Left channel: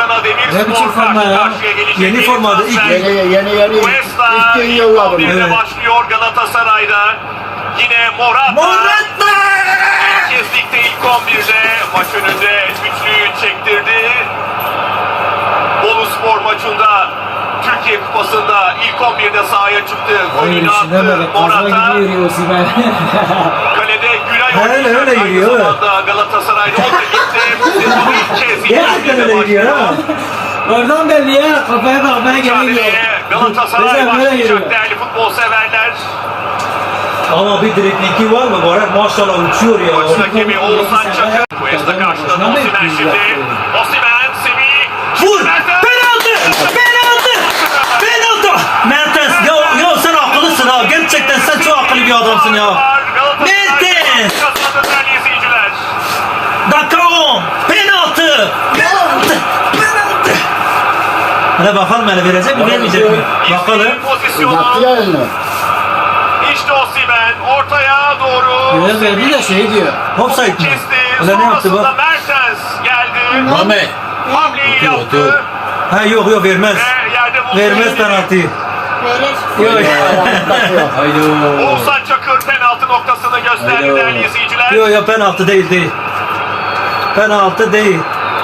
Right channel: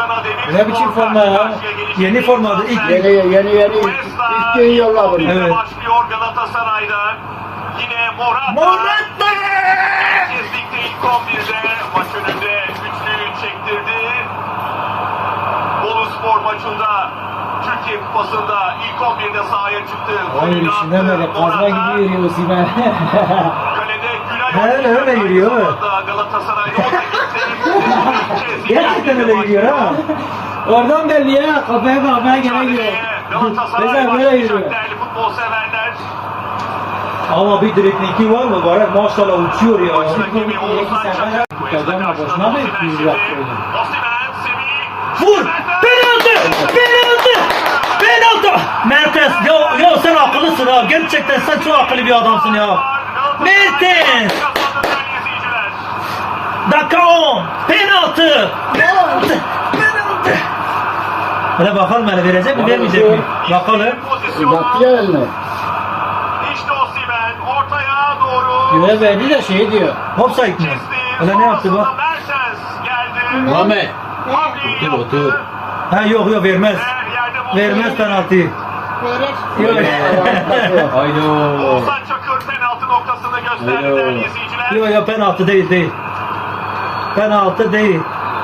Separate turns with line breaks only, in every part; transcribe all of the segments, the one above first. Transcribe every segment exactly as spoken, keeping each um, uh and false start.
Adana Demirspor
Ne biçim forma ya?
karşıya gelecek.
Yeni formada ilk
Yeni yeni yeni
Cuesta
ilk gün yolla bunu.
ilk
Evet.
başlıyor Galatasaray'da. Yine Morata.
Morata!
İlk kez ligde ilk on birde maç önünde üçlüyü çektirdi. Boluspor maçında Türkiye Kupası'nda ilk on birde sahaya çıktı.
Hayır
Golünü
işine
attı
böyle kazma gibi yürüyor Osimhen.
Kalede Gülay
He,
oynayacak.
öyle
Aynı
yürüyor, evet.
zamanda Galatasaray'da o da gitti. Sezonu ilk kez ilk
Gerçekten
on birde
öyle yürüyor ha.
Oradan belli ya kafaya bakmaya geliyor.
Mücadeleye Galatasaray
Mesela böyle yürüyor.
başlayacak değerli futbol severler.
Ama bir direktliği var mı? Var maşallah uçuyor ya.
Maç hakemi Oğuzhan Çakır. Cuesta
Kazanma,
karşıladı
boşuna mı
Osimhen
yüz
şimdi.
yaptı?
Osimhen, Semih.
Vur! Penaltı! Penaltı! Penaltı! Mertens ya, ya sen akıllısın ha. Gerçekten sen çok akıllı bir adamsın ya. Mertens!
Kazandı değerli izleyiciler.
Dakika on. Penaltı! Penaltı! Penaltı! Hele bakalım hele verecek mi vermeyecek mi? Bakalım.
Uzattı ya elini.
İşte Osimhen ortaya doğru.
Görev verdi de şey diyor.
Offside mi?
Kesti.
Öyle ne yaptı
Sonrasında
bak?
Mertens geldi.
Ahmet.
Hamleyi
Otur,
yaptı.
otur.
Ha yok yok vermez.
Ve yerde buldu.
Vermez penaltıyı.
Verir.
Yok
Haydi.
Oğuzhan Çakır penaltı noktasını gösterdi
Haydi.
değerli izleyiciler.
yok yok penaltı değil değil. Penaltı değil.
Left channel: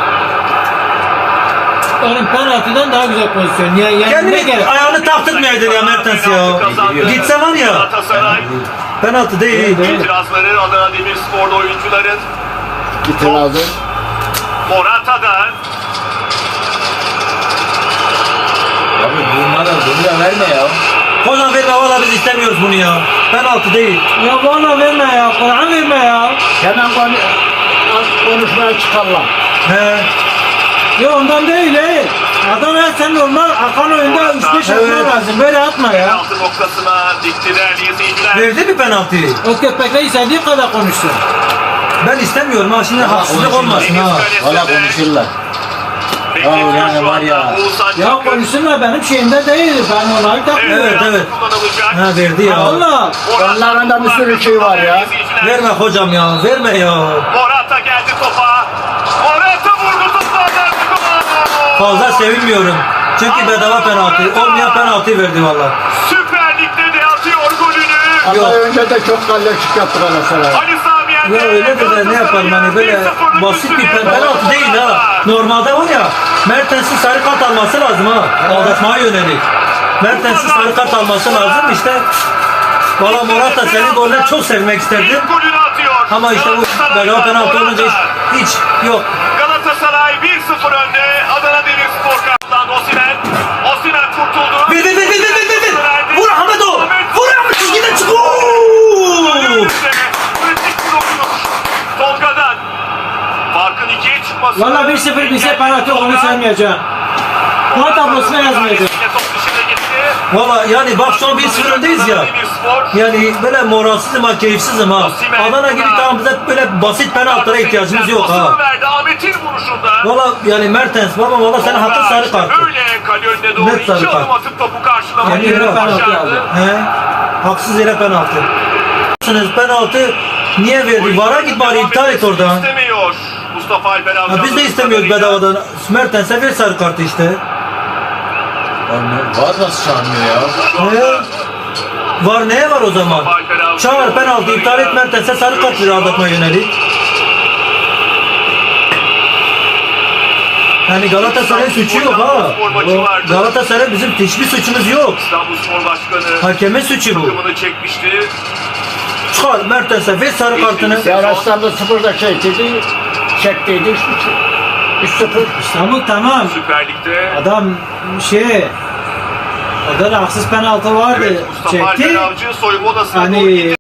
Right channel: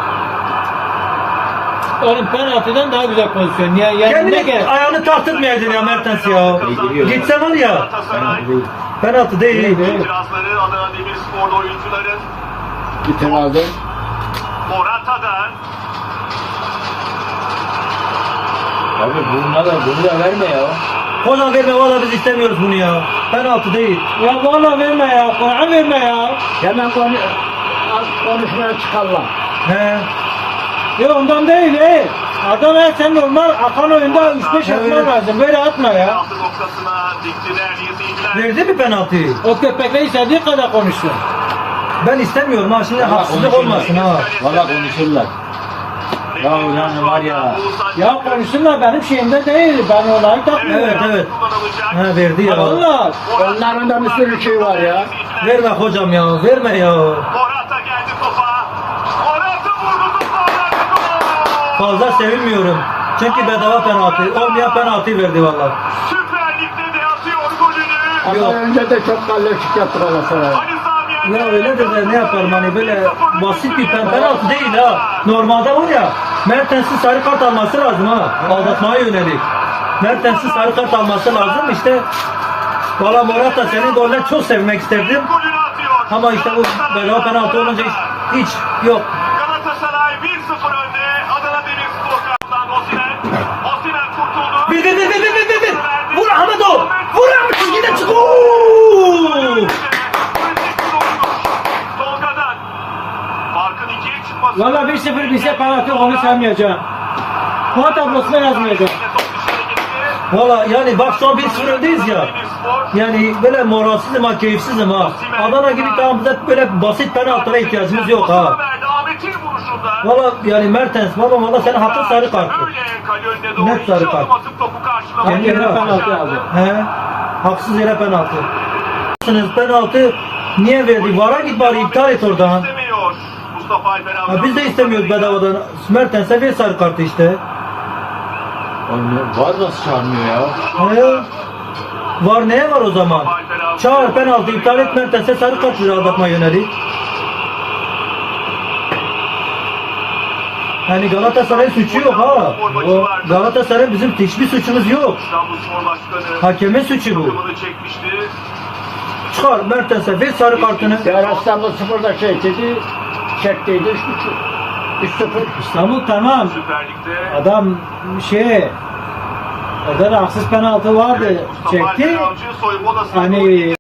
Onun penaltıdan daha güzel pozisyon. Ya, yani ne
Kendini
gerek?
ayağını taktırmayaydın ya Mertens ya. Gitse var ya.
Galatasaray
Penaltı değil.
itirazları Adana Demirspor'da oyuncuların
İtirazı.
Morata'da.
Abi bunlara bunu da verme ya.
Hocam verme valla biz istemiyoruz bunu ya. Penaltı değil.
Ya valla verme ya. Kur'an verme ya. Hemen konu, konuşmaya çıkarlar.
He.
Ya ondan değil he. Adana'ya sen normal akan oyunda üç beş atman
Evet.
lazım. Böyle atma ya.
Penaltı noktasına dikti değerli izleyiciler.
Verdi mi penaltıyı?
O köpekle istediği kadar konuşsun.
Ben istemiyorum ha şimdi haksızlık olmasın ha.
Valla konuşurlar.
Bekletiyor
Ya yani
şu
var
anda
ya.
Oğuzhan
Ya
Çakır.
konuşsunlar benim şeyimde değil. Ben onları takmıyorum.
Evet, evet.
Kullanılacak.
Ha verdi ya.
Valla.
Onların da bir sürü şey var ya.
Verme hocam ya. Verme ya.
Morata geldi topa. Morata vurdu toplardan.
Fazla sevinmiyorum. Çünkü bedava penaltı. Olmayan penaltıyı verdi valla.
Süper Lig'de de atıyor golünü.
Yok.
Ama önce de çok kalleşik yaptı Galatasaray.
Ali Sami Yen'de.
Ya öyle de, de ne yapalım hani böyle basit bir pen- penaltı değil ha. Normalde var ya Mertens'in sarı kart alması lazım ha. Aldatmaya yönelik. Mertens'in sarı kart alması lazım işte. Valla Morata senin golden çok sevmek isterdim.
Golünü atıyor.
Ama işte bu bedava penaltı olunca hiç, hiç yok.
Galatasaray bir sıfır önde. Adana Demirspor kaptan Osimhen. Osimhen kurtuldu.
Bir bir bir bir bir bir bir. Vur Ahmet o. Vur Ahmet çizgide çık. Oo!
Kritik bir dokunuş. Tolga'dan. Farkın ikiye çıkması.
Valla bir sıfır bize penaltı onu saymayacağım. Puan tablosuna yazmayacağım.
Top dışına gitti.
Valla yani bak şu an bir sıfır öndeyiz ya.
Demirspor.
Yani böyle moralsizim ha, keyifsizim ha. Adana gibi tamam bize böyle basit penaltılara ihtiyacımız yok ha.
Pasını verdi Ahmet'in vuruşunda.
Valla yani Mertens baba valla senin hakkın sarı kart.
Öyle kale önüne doğru
Net
iki
sarı
adım
kart.
atıp topu karşılamayı
Yani yine
penaltı
başardı.
aldı.
He? Haksız yere penaltı. Penaltı niye verdi? Vara git bari iptal et oradan.
İstemiyor. Mustafa Alper
Ha, biz de istemiyoruz bedavadan. Mertens'e ver sarı kartı işte.
Var nasıl çağırmıyor ya?
He? Var neye var o zaman? Çağır penaltı iptal et Mertens'e sarı kart ver aldatmaya yönelik. Yani Galatasaray'ın suçu yok ha. O Galatasaray bizim hiçbir suçumuz yok.
İstanbulspor Başkanı
Hakeme suçu bu.
takımını çekmişti.
Çıkar Mertens'e ver sarı kartını.
Seyraslarla sıfırda şey dedi. Çektiydi üç sıfır. İstanbul tamam.
Süper Lig'de
Adam şey o da haksız penaltı vardı.
evet, Mustafa
Çekti.
Alper Avcı soyunma odasına
Hani-
doğru gitti.